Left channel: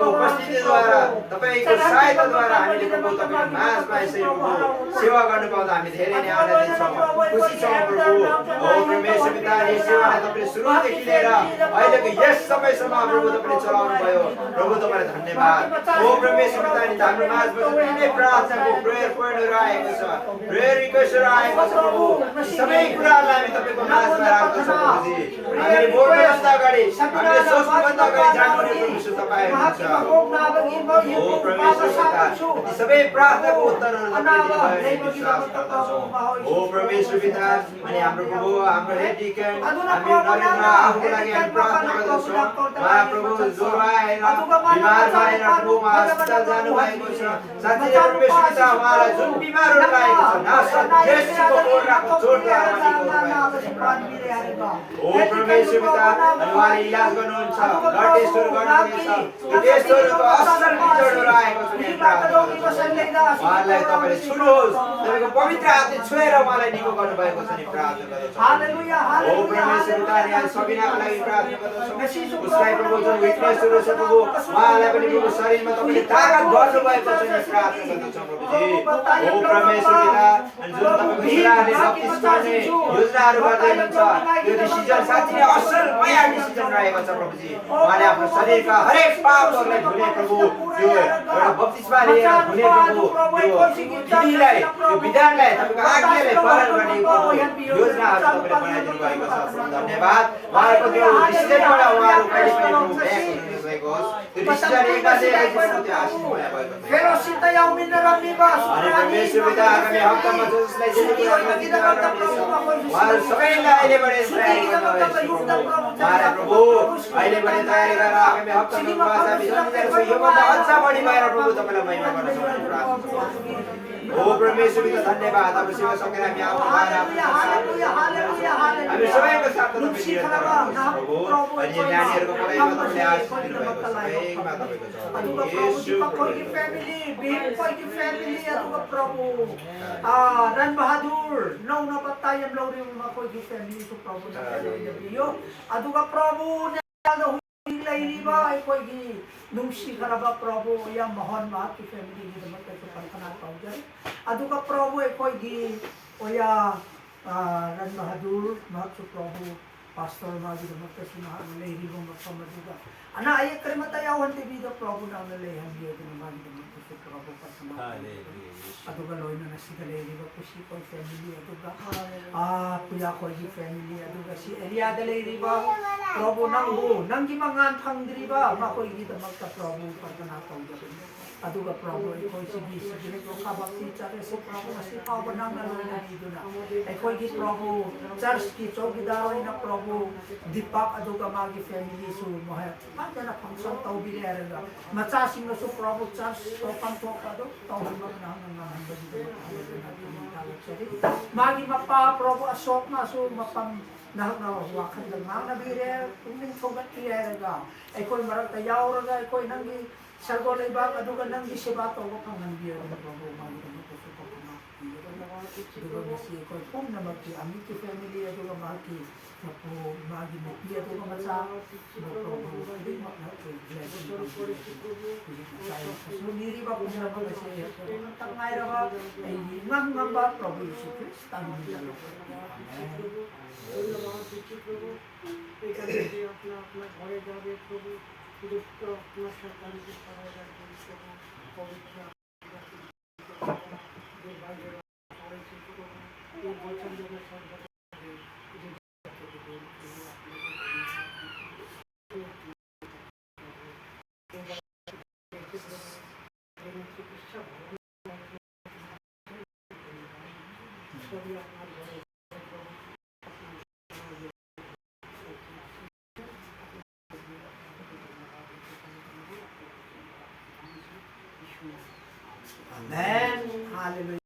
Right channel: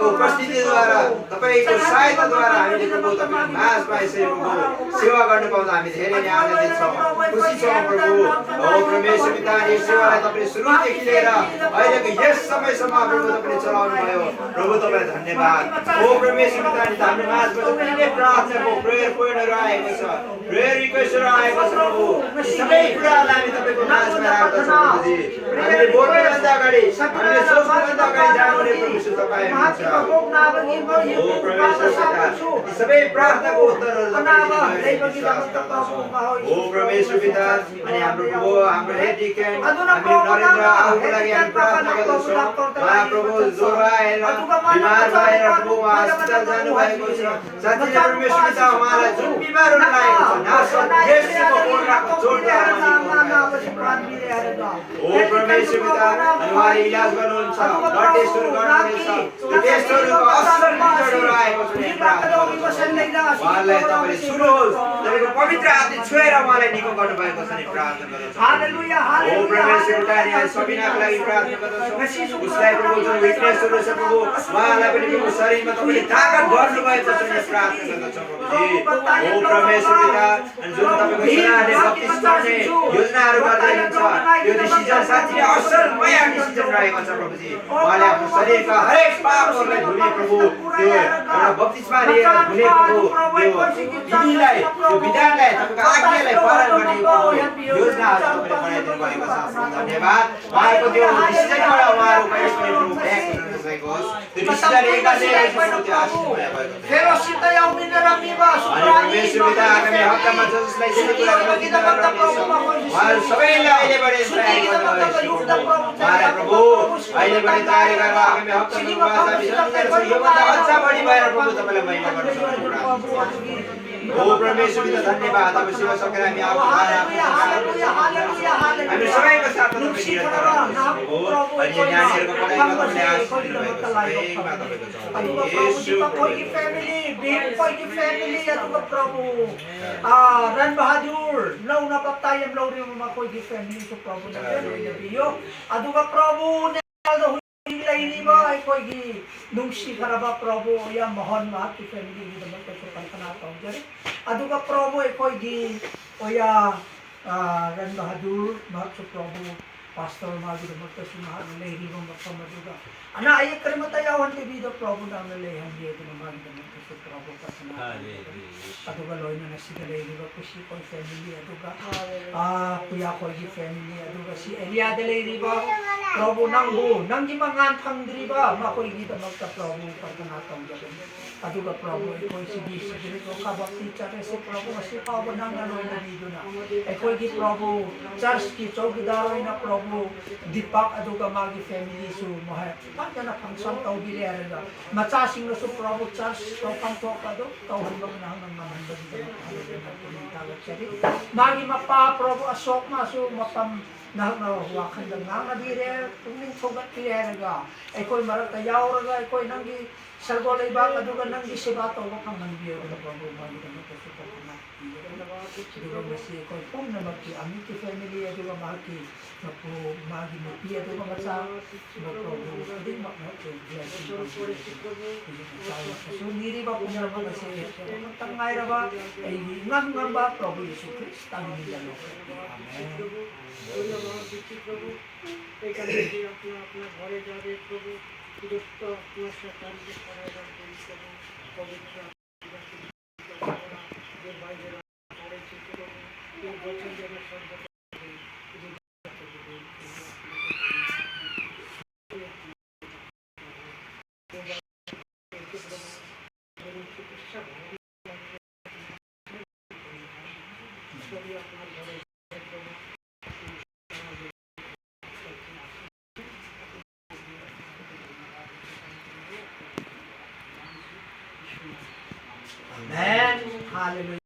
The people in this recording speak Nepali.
तपाईको उपस्थितिद्वारा तपाईको सहायताद्वारा हामीले प्रभु तपाईको माझमा यसरी प्रभु सेवा गर्न पाउँदा हामी धेरै नै आनन्दित छौँ, खुसी छौँ प्रभु। ओ परमेश्वर पिता, यो सेवालाई तपाईले सुरुदेखि लिएर अहिलेको यस समयसम्म प्रभु तपाईले चलाउनु भयो। प्रभु तपाईलाई धन्यवाद। ओ परमेश्वर पिता, नि हाम्रो माझमा जति नै प्रार्थनाको प्रेयर पोइन्टहरु आएको छ, प्रेयर रिक्वेस्टहरु आएको छ प्रभु, यी सबै कुराहरूलाई हामी तपाईको माझमा राख्दछौँ प्रभुजी। हामीले बोल्नुभन्दा अगाडि, हामीले सोच्नुभन्दा अगाडि जानुपर्ने परमेश्वर तपाईँ हुनुहुन्छ। ओ परमेश्वर पिता, यी सबै प्रार्थनाको उत्तरहरू तपाईले विश्वास गर्दछौँ। ओ परमेश्वर पिता, अनि हाम्रो प्रभु, हाम्रो हेड डिकन, हामी नरेन्द्र आउको लागि हामी प्रार्थना गर्दछौँ। उहाँ प्रभु ज्वरो आएर बिमार भएर प्रभु उहाँ अस्पताल जानु भएको छ। साथीले परमेश्वर पिता, उहाँलाई जुन बिमारहरू लागेको छ नासरत येशूको कोर्राको जोडद्वारा ओ परमेश्वर पिता, अनि उहाँले इलाज गर्नुहुन्छ, ब्लड टेस्टहरू गर्नुहुनेछ, त्यो टेस्टहरूको असल रिजल्टहरू आएको छ। उहाँलाई तपाईले छुनुहोस्, तपाईको पवित्र हातले छुएर उहाँलाई निको गर्नुभएको छ नि प्रार्थना गर्दछौँ। ओ परमेश्वर पिता, यहाँ सबिनाको लागि प्रार्थना गर्दछौँ। उसलाई प्रभु जुन विकनेसहरू छ प्रभु, उहाँलाई पनि प्रभु शरीरमा तपाईले ताकत भर्नुभएको छ नि प्रार्थना गर्दछौँ प्रभुजी। ओ परमेश्वर पिता, अनि जुन तपाईको छोराले बप्तिस्मा गर्ने योजनाहरू गर्दै हुनुहुन्छ, त्यो डिसिजन साँच्चै असल नयाँ डिसिजन रहेको छ प्रभुजी। उहाँले आफ्नो शरीरका हरेक पापहरूलाई धुने प्रभु, त्यो एउटा बप्तिस्मा लिएर धुने प्रभु, त्यो विधिलाई, त्यो विधानलाई, तपाईको आज्ञालाई पालन गर्ने प्रभु योजनाहरू तपाईले बनाइदिनु भएको छ। धन्यवाद। उहाँको त्यो डिसिजनबाट उहाँहरू कहिले पनि प्रभु ब्याक हुनुभएको होस्, त्यो डिसिजन एकातिर त्यो आशीषमय भएको छ। अनि परमेश्वर पिता, आगामी हप्तामा जसलाई जे कुरा उहाँहरू सबैलाई अहिलेबाट तयारी गर्नुहोस् प्रभु। अहिलेबाट तयारी गरेर आगामी हप्तामा योभन्दा अझ बढी भएर प्रभु तपाईँलाई महिमा गर्न सक्नुहुन्छ। ओ परमेश्वर पिता, धन्यवाद। अब सेवा सकेर हामी हामी सबैको साथ तपाईँ निरन्तर रहनुहोस् प्रभु। अनि यो नानीहरूको पढाइमा तपाईँले आशीष दिनुभएको छ, सबैमा तपाईँको छ। येशू प्रभु रन बहादुर नौना पत्ता यम लौरी मखोगी फैमिली को प्रभु ने बियो अदुगा प्रभु ने लैनिबा कोइगी नुंसी खरबा प्रभु या मोहन मा की फैमिली की दमक को कल्पना पाउजरे अदुगा प्रभु कोइगी ओया रन बहादुर महसु प्रभु पास्टर मा की दमक को सुना लैनिबा मखम अदुगा अना आये कर्मता यावन के भी प्रभु नाम ले हम ये मा की दमक को प्रभु कल्पना अदुगा लोइना नसिदा लैनिबा खुशी कोई फैमिली अदुगा कुया कोई फैमिली अदुगा सी एलिया दे लैनिबा प्रभु नंगु नंगी मंगान फंगद्रिबा मखोइगी दमक प्रभु कल्पना तौजबे अदुगा प्रभु कोई सिदी सिदी को खबक्ति चरे से प्रभु से पाव नांगा लोइना निजुना एकोइगी प्रभु चर्च की चौकीदार होइना प्रभु दीपक अदुगा मागी फैमिली सु मोहे पाजना फंक्शन तौबिरे आरेगा मचा सिंह सु प्रभु चर्च तो पंथोक अदु तौहन नांगा मागी मप्पा प्रभु अशोक मासु मपम नहना वाखन नांगा बिरे तुमिन थोगत पिरेगा एकोइ मरक यावरगा एकोइ नंगी सरगो लेबा अदुगा नंगी सेवा तौबा फंगन बियो प्रभु मागी दमक सुपकमा दुगा मसी एकोइ पुम नमकी अमी की फैमिली अदुगा मागी मपो मागी मपी अदुगा मचा प्रभु दिन मक के ब्लेसिंग निरी बा पुम नमक से तंगाई रबा ngam ngam ba प्रभु यीशु ख्रिस्ट तानी जानो Amen. Hallelujah.